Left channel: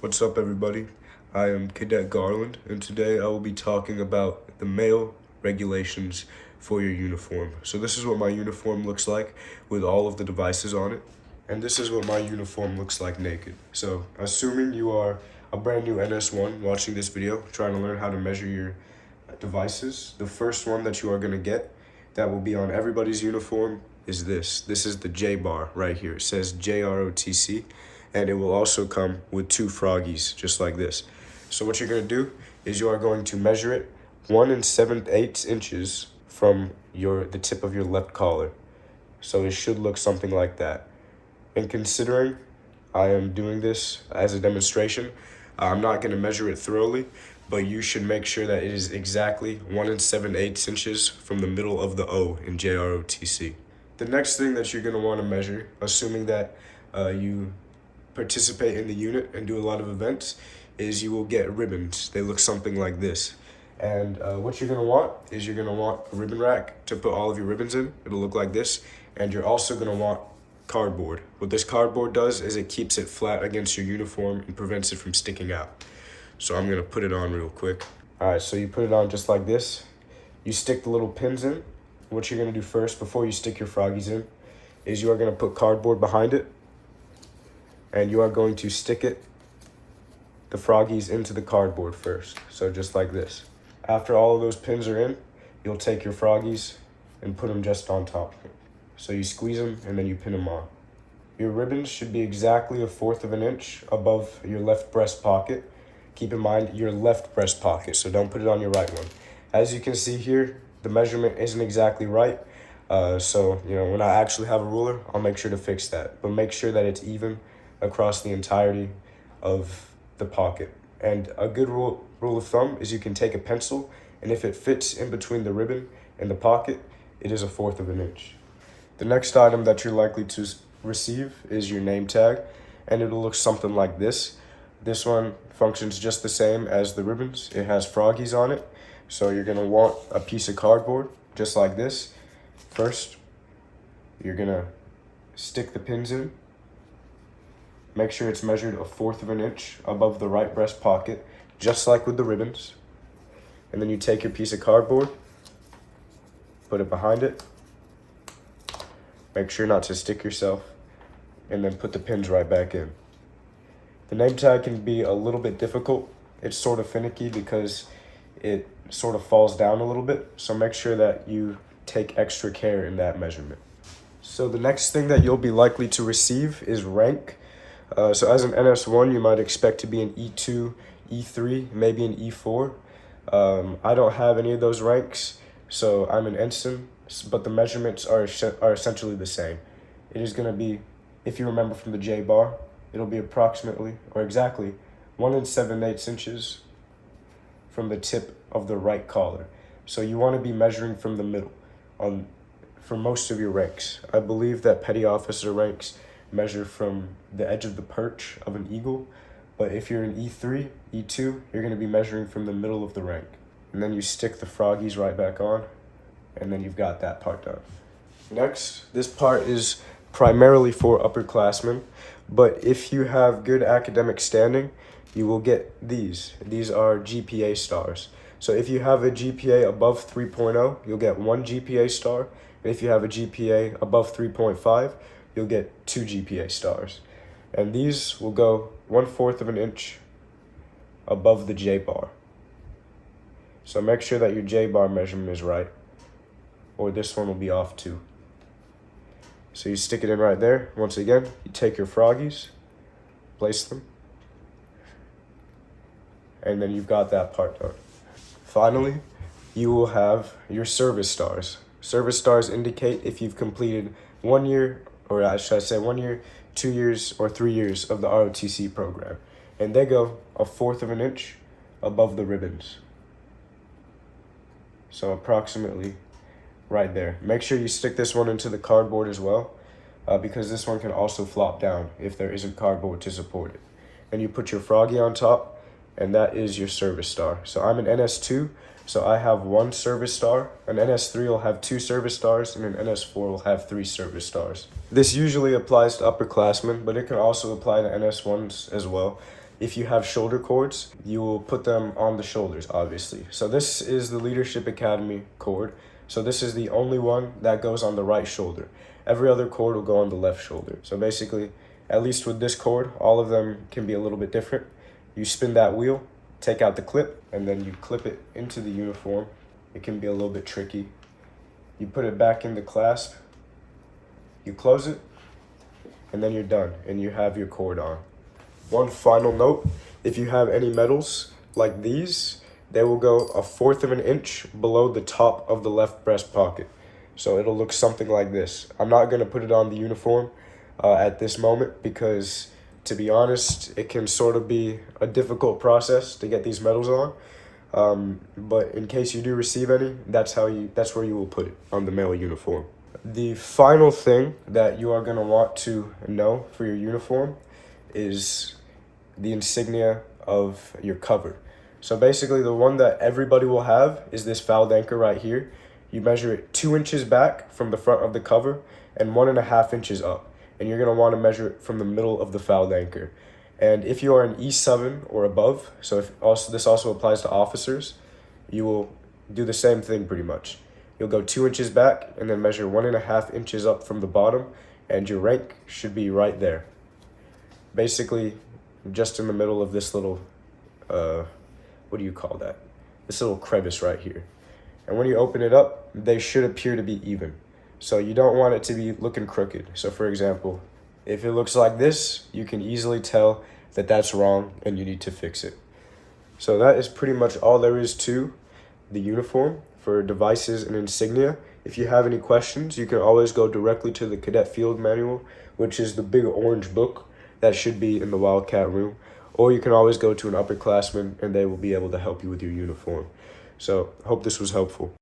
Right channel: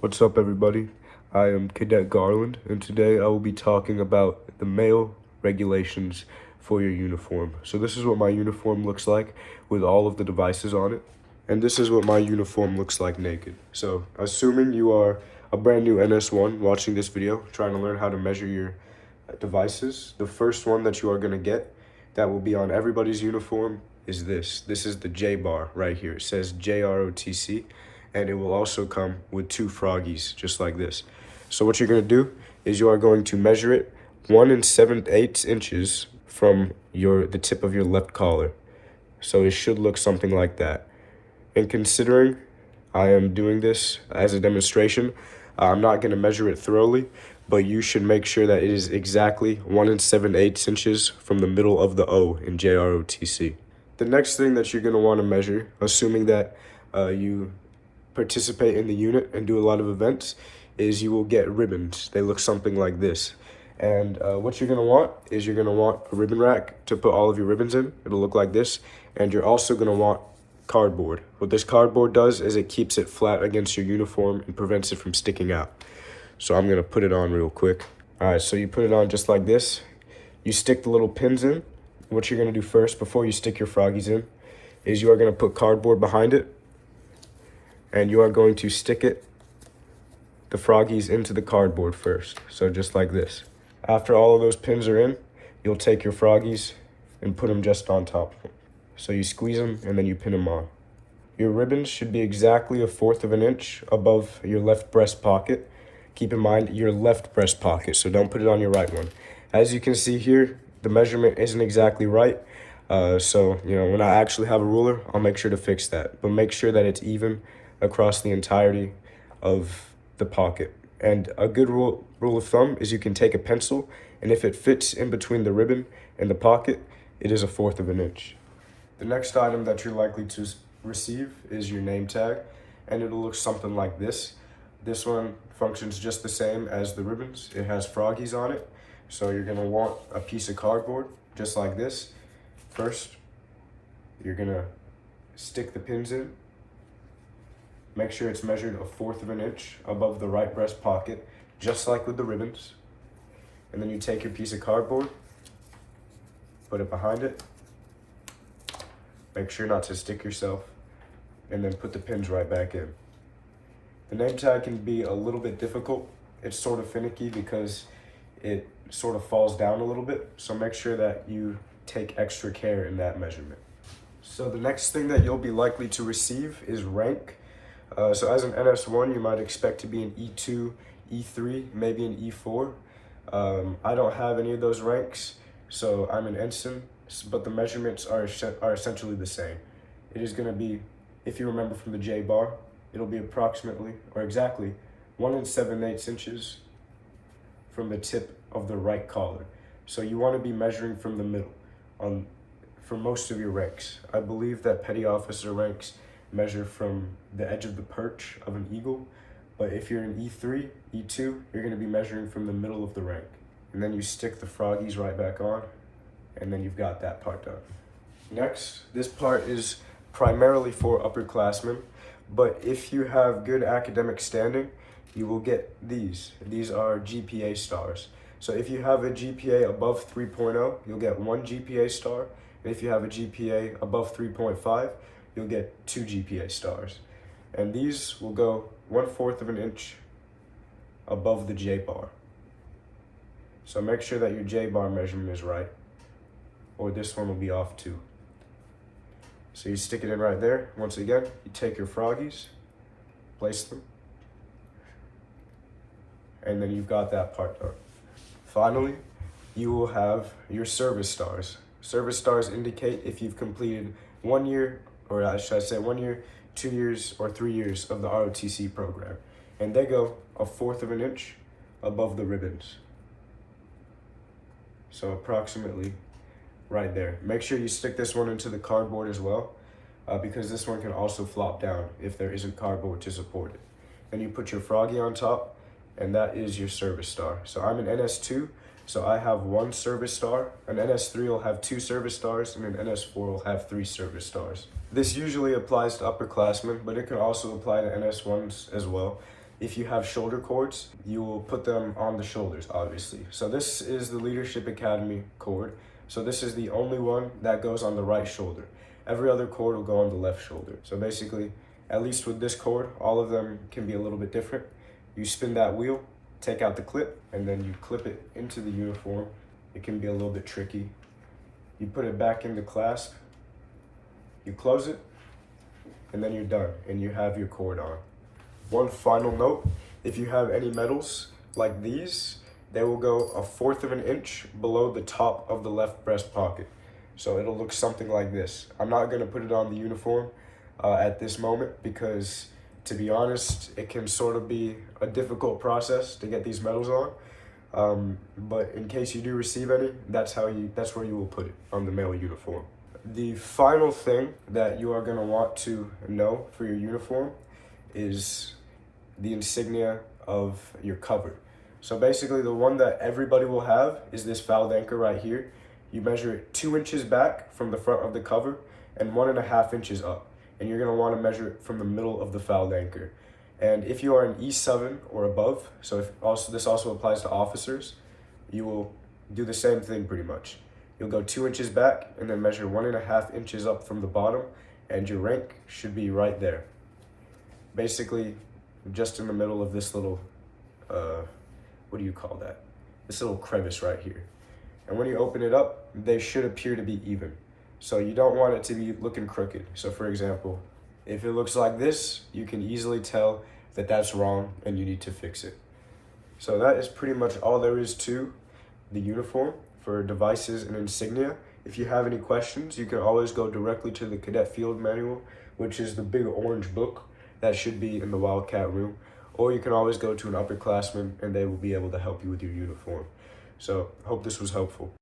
What's up, everybody? I am Cadet Garland, and today I will be talking about the male regulations for your uniform. So this is what my uniform looks like with all of the devices on it, and this is what my uniform looks like naked. So assuming you are a brand new NS1 watching this video, trying to learn how to measure your devices, the first one that you are going to get that will be on everybody's uniform is this. This is the J bar right here. It says NJROTC, and it will also come with two froggies, just like this. So what you're going to do is you are going to measure it 1 7/8 inches from the tip of your left collar. So it should look something like that. And considering I am doing this as a demonstration, I'm not going to measure it thoroughly, but you should make sure that it is exactly 1 7/8 inches from the middle of the O in JROTC. The next thing that you're going to want to measure, assuming that you participate in the unit and do a lot of events, is you will get ribbons. They look something like this. And what you're going to want is you're going to want a ribbon rack to put all of your ribbons in. It'll look like this. And you're also going to want cardboard. What this cardboard does is it keeps it flat against your uniform and prevents it from sticking out. So I'm going to put it on real quick. All right, so you put it on just like this. You stick the little pins in. What you're going to do first before you stick your froggies in is you are going to put cardboard behind it, and you are going to stick the froggies into the cardboard first. So just like this. After all of those pins are in, you'll take your froggies and put them just on top. So you squeeze them and then you pin them on. Your ribbons should be exactly 1/4 of an inch above your left breast pocket. Keep in mind your left breast pocket, so don't put it on your right one. As you can see here, the measurement isn't exactly right. So when I actually have a ruler, I'll make sure to fix that. But make sure that it's even across the entirety of the pocket. And a good rule of thumb is you can take a pencil, and if it fits in between the ribbon and the pocket, it is 1/4 of an inch. The next item that you're likely to receive is your name tag, and it'll look something like this. This one functions just the same as the ribbons. It has froggies on it, so you're gonna want a piece of cardboard just like this. First, you're gonna stick the pins in. Make sure it's measured 1/4 of an inch above the right breast pocket, just like with the ribbons. And then you take your piece of cardboard, put it behind it. Make sure not to stick yourself, and then put the pins right back in. The name tag can be a little bit difficult. It's sort of finicky because it sort of falls down a little bit, so make sure that you take extra care in that measurement. So the next thing that you'll be likely to receive is rank. So as an NS1, you might expect to be an E2, E3, maybe an E4. I don't have any of those ranks, so I'm an ensign, but the measurements are essentially the same. It is going to be, if you remember from the J bar, it'll be approximately, or exactly, 1 7/8 inches from the tip of the right collar. So you want to be measuring from the middle for most of your ranks. I believe that petty officer ranks measure from the edge of the perch of an eagle, but if you're an E3, E2, you're going to be measuring from the middle of the rank. And then you stick the froggies right back on, and then you've got that part done. Next, this part is primarily for upperclassmen, but if you have good academic standing, you will get these. These are GPA stars. So if you have a GPA above 3.0, you'll get 1 GPA star, and if you have a GPA above 3.5, you'll get 2 GPA stars. And these will go 1/4 of an inch above the J bar. So make sure that your J bar measurement is right, or this one will be off too. So you stick it in right there. Once again, you take your froggies, place them, and then you've got that part done. Finally, you will have your service stars. Service stars indicate if you've completed 1 year, or should I say 1 year, 2 years, or 3 years of the ROTC program. And they go 1/4 of an inch above the ribbons. So approximately right there. Make sure you stick this one into the cardboard as well, because this one can also flop down if there isn't cardboard to support it. And you put your froggy on top, and that is your service star. So I'm an NS2, so I have 1 service star. An NS3 will have 2 service stars, and an NS4 will have 3 service stars. This usually applies to upperclassmen, but it can also apply to NS1s as well. if you have shoulder cords, you will put them on the shoulders, obviously. So this is the Leadership Academy cord. So this is the only one that goes on the right shoulder. Every other cord will go on the left shoulder. So basically, at least with this cord, all of them can be a little bit different. You spin that wheel, take out the clip, and then you clip it into the uniform. It can be a little bit tricky. You put it back in the clasp, you close it, and then you're done, and you have your cord on. One final note, if you have any medals like these, they will go 1/4 of an inch below the top of the left breast pocket. So it'll look something like this. I'm not gonna put it on the uniform at this moment because, to be honest, it can sort of be a difficult process to get these medals on. But in case you do receive any, that's where you will put it on the male uniform. The final thing that you are gonna want to know for your uniform is the insignia of your cover. So basically the one that everybody will have is this fouled anchor right here. You measure it 2 inches back from the front of the cover and 1.5 inches up. And you're gonna wanna measure it from the middle of the fouled anchor. And if you are an E7 or above, so this also applies to officers, you will do the same thing pretty much. You'll go 2 inches back and then measure 1.5 inches up from the bottom, and your rank should be right there. Basically, just in the middle of this little, what do you call that? This little crevice right here. And when you open it up, they should appear to be even. So you don't want it to be looking crooked. So for example, if it looks like this, you can easily tell that that's wrong and you need to fix it. So that is pretty much all there is to the uniform for devices and insignia. If you have any questions, you can always go directly to the Cadet Field Manual, which is the big orange book that should be in the Wildcat room. Or you can always go to an upperclassman and they will be able to help you with your uniform. So, hope this was helpful.